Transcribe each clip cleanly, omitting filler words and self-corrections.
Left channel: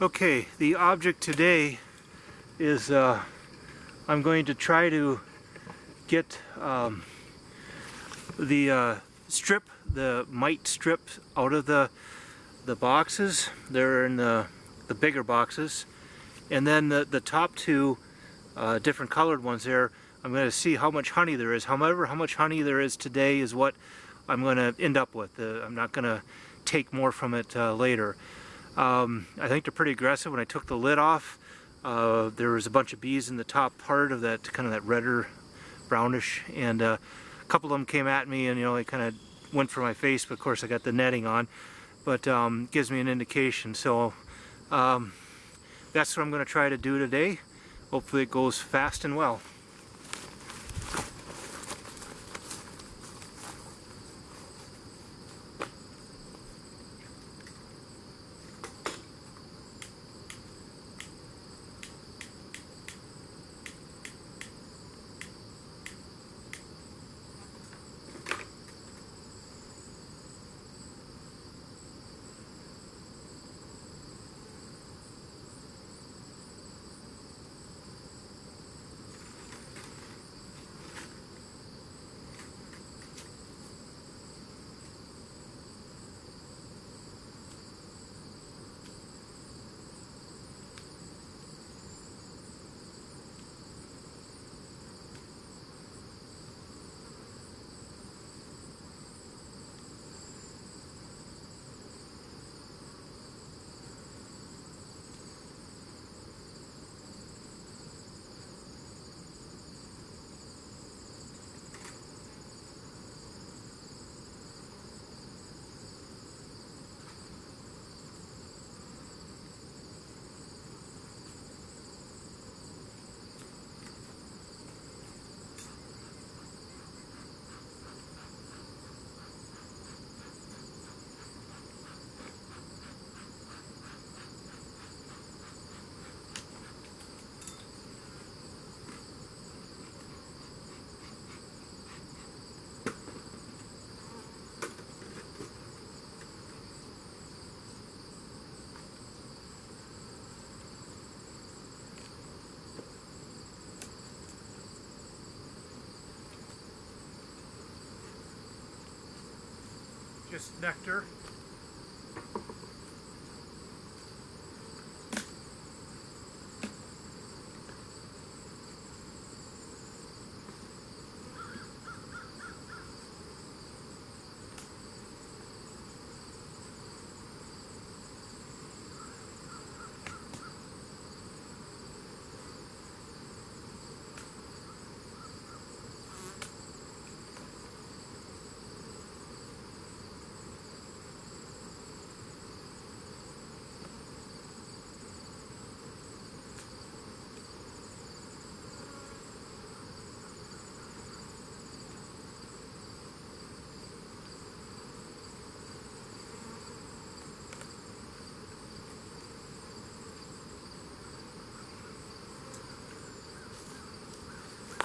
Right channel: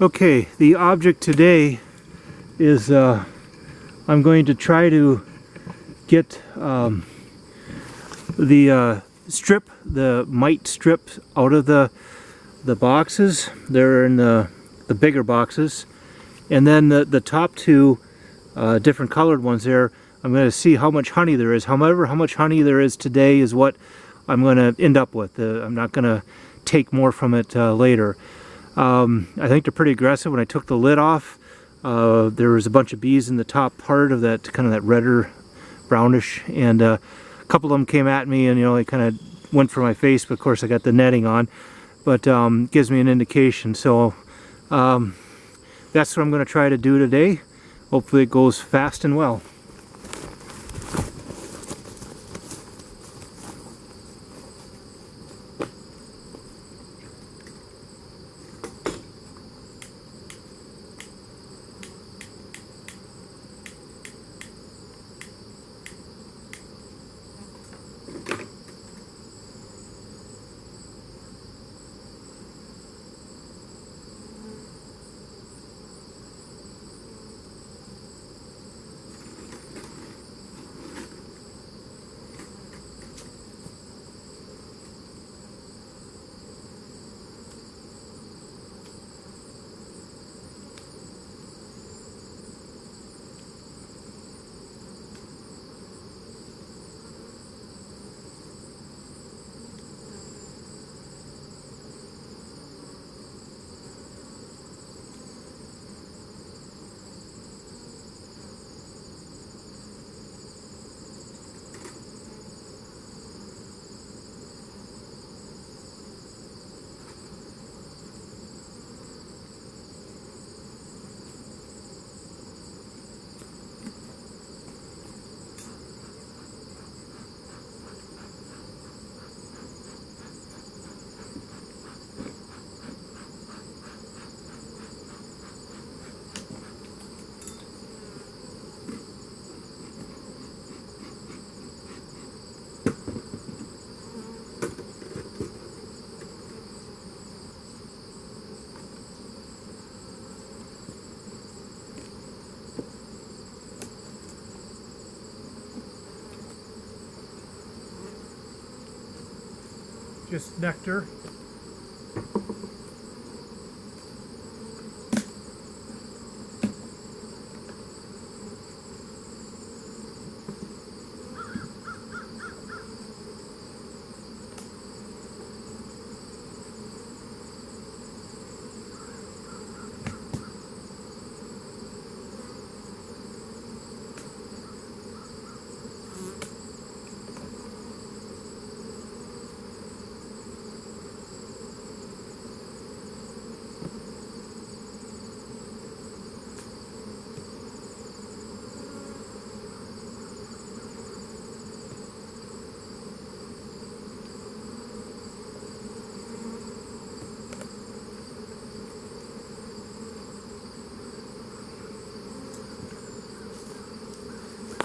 Okay, the object today is I'm going to try to get the mite strip out of the boxes. They're in the bigger boxes, and then the top two different colored ones there, I'm going to see how much honey there is. However, how much honey there is today is what I'm going to end up with. I'm not going to take more from it later. I think they're pretty aggressive. When I took the lid off, there was a bunch of bees in the top part of that, kind of that redder, brownish, and a couple of them came at me, and they kind of went for my face, but of course I got the netting on, but gives me an indication. So that's what I'm going to try to do today. Hopefully it goes fast and well. Just nectar.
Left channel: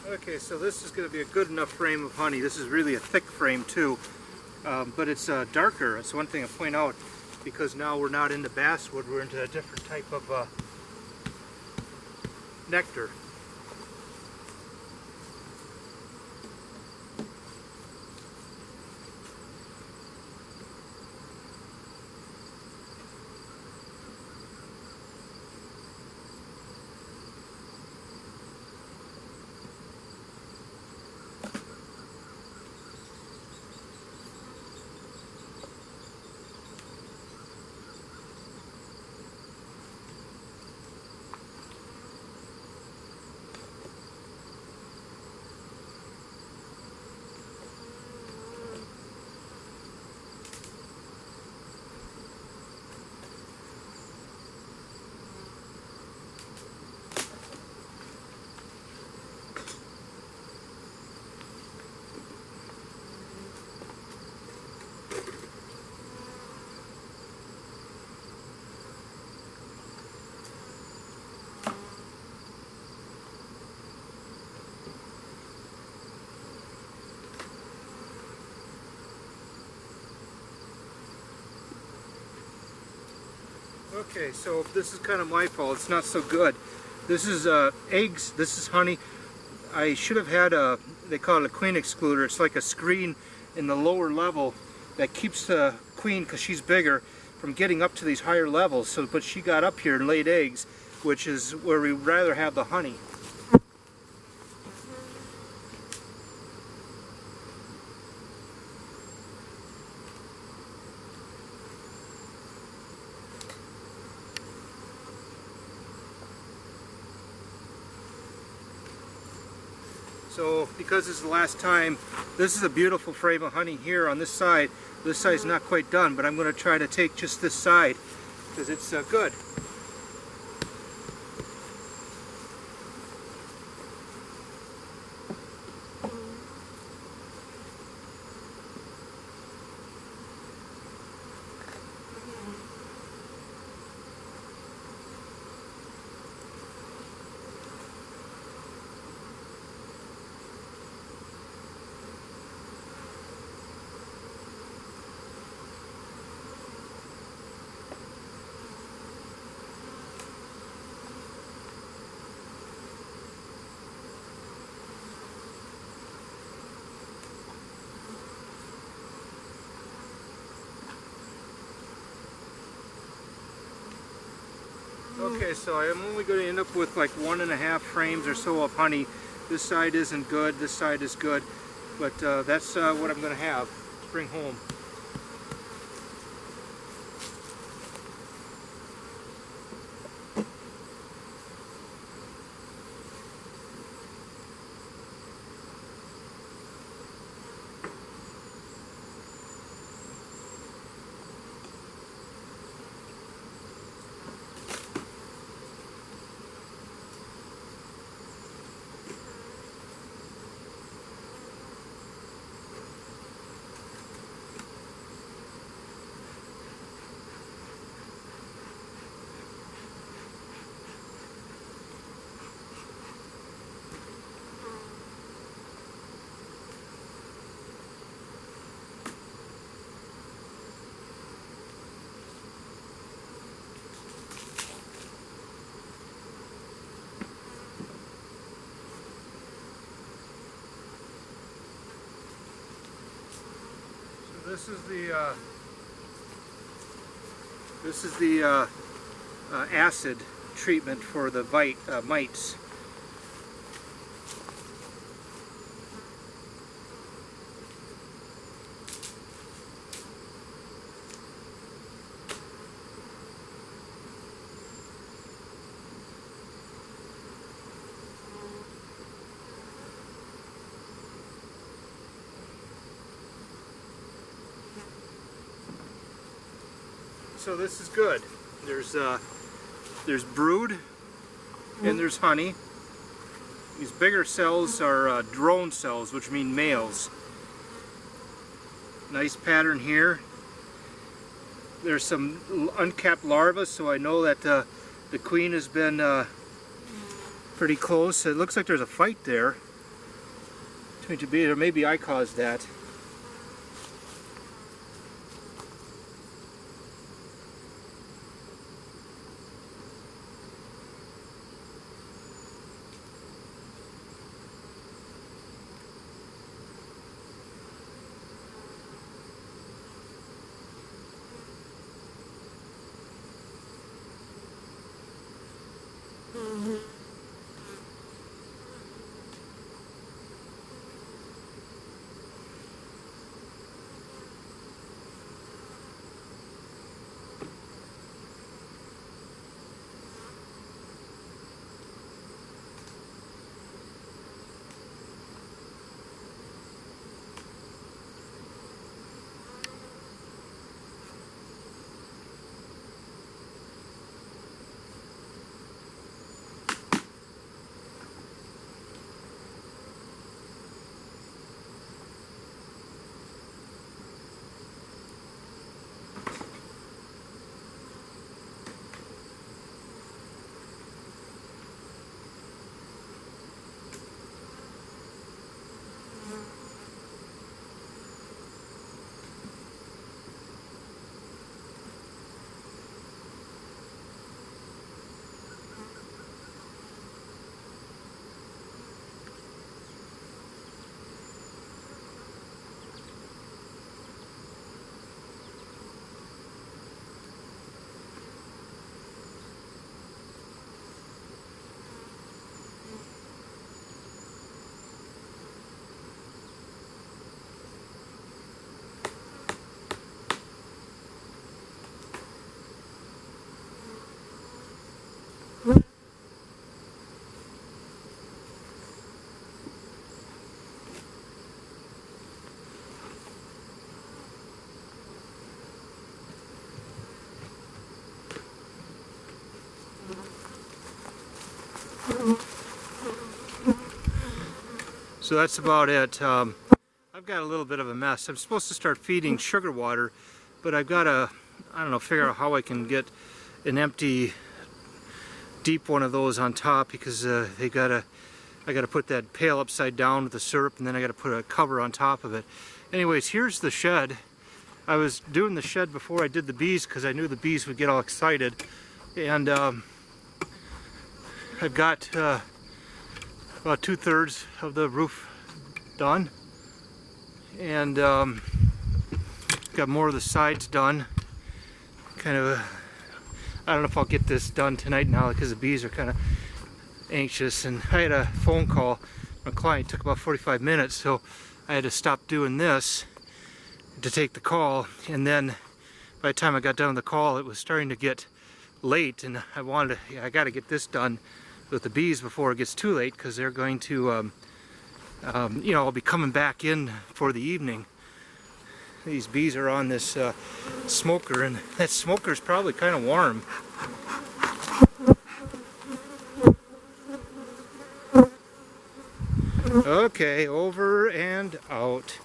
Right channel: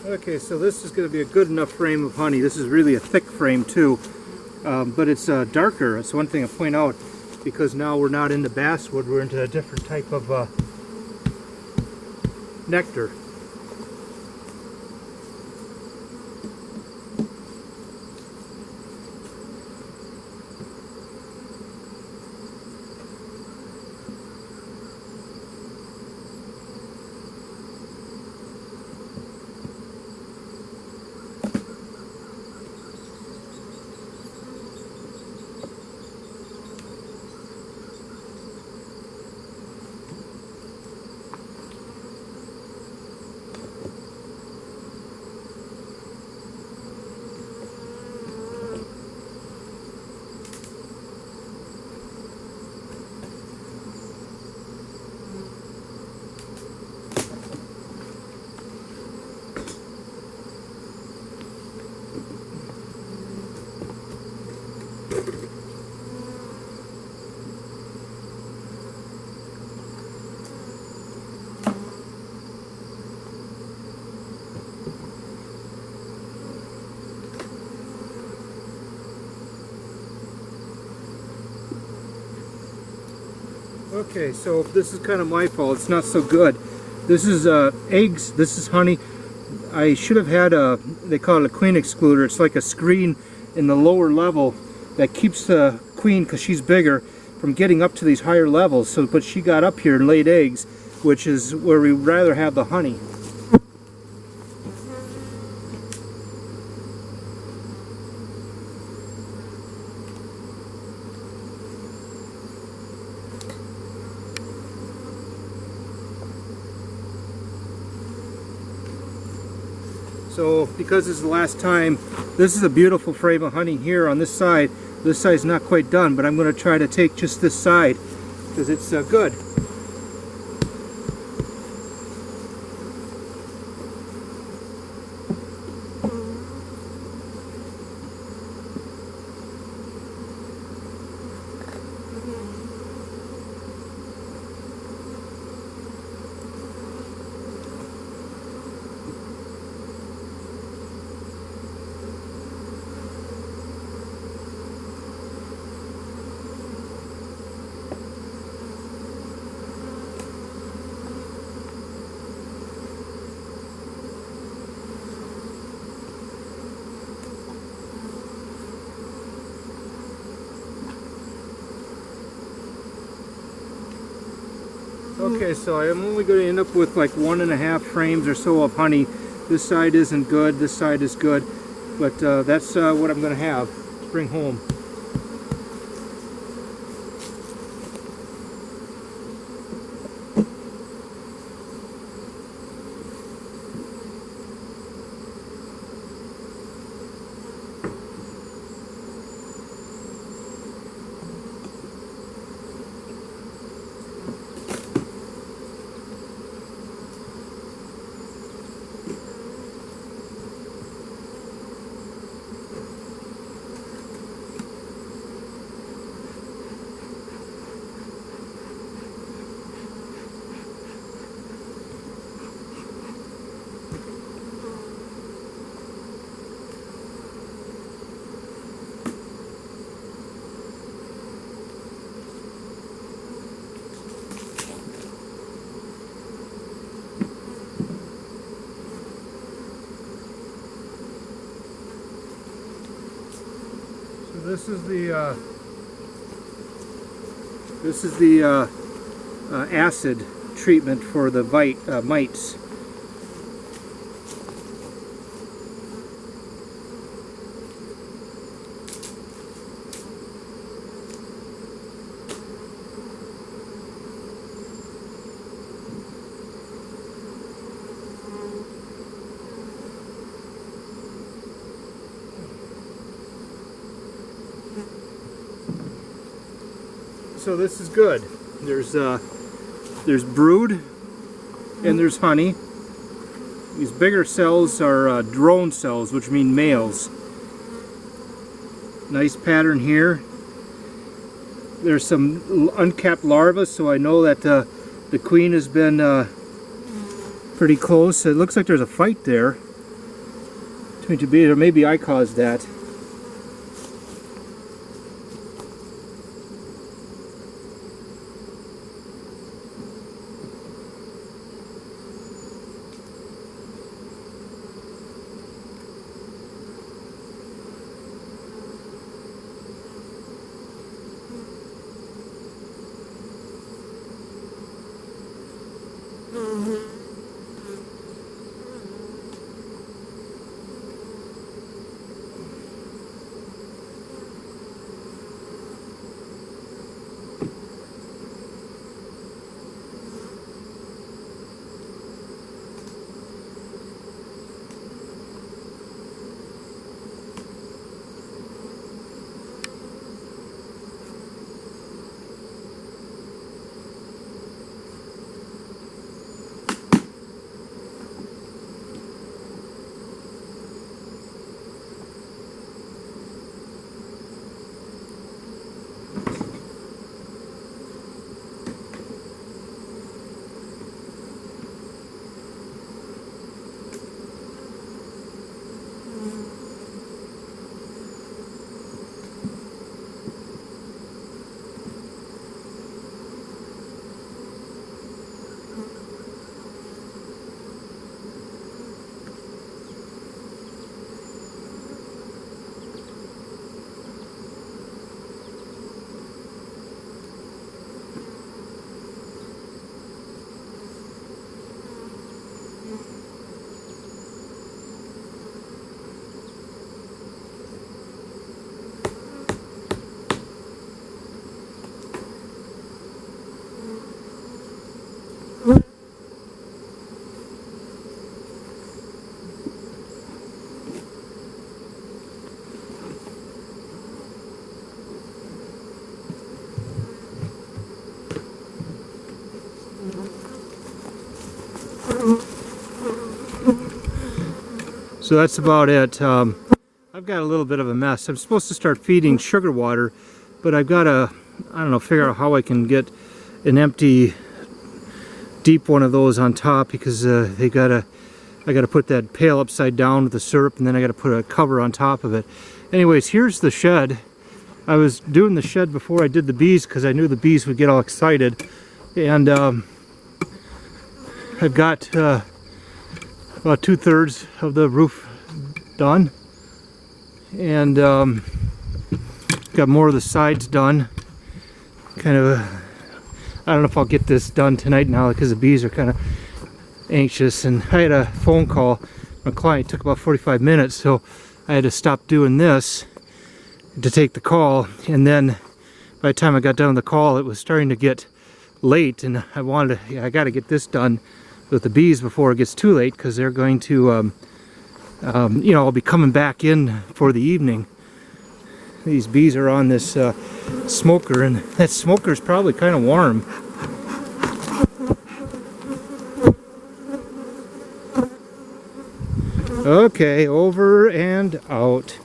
Okay, so this is going to be a good enough frame of honey. This is really a thick frame too, but it's darker. That's one thing I point out, because now we're not into basswood, we're into a different type of nectar. Okay, so this is kind of my fault. It's not so good. This is eggs. This is honey. I should have had they call it a queen excluder. It's like a screen in the lower level that keeps the queen, because she's bigger, from getting up to these higher levels. So, but she got up here and laid eggs, which is where we rather have the honey. So because this is the last time, this is a beautiful frame of honey here on this side. This side's not quite done, but I'm going to try to take just this side because it's good. Okay, so I'm only going to end up with like 1.5 frames or so of honey. This side isn't good, this side is good, but that's what I'm going to have to bring home. This is the acid treatment for the mites. So this is good. There's brood and there's honey. These bigger cells are drone cells, which mean males. Nice pattern here. There's some uncapped larvae, so I know that the queen has been pretty close. It looks like there's a fight there between two bees, or maybe I caused that. So that's about it. I've got a little bit of a mess. I'm supposed to start feeding sugar water, but I've got to, I don't know, figure out how I can get an empty deep one of those on top, because I gotta put that pail upside down with the syrup, and then I gotta put a cover on top of it. Anyways, here's the shed. I was doing the shed before I did the bees because I knew the bees would get all excited, and I've got about 2/3 of the roof done, and got more of the sides done. Kind of I don't know if I'll get this done tonight now because the bees are kind of anxious, and I had a phone call from a client. It took about 45 minutes, so I had to stop doing this to take the call, and then by the time I got done with the call, it was starting to get late, and I got to get this done with the bees before it gets too late, because they're going to you know, I'll be coming back in for the evening. These bees are on this smoker, and that smoker is probably kind of warm. Okay, over and out.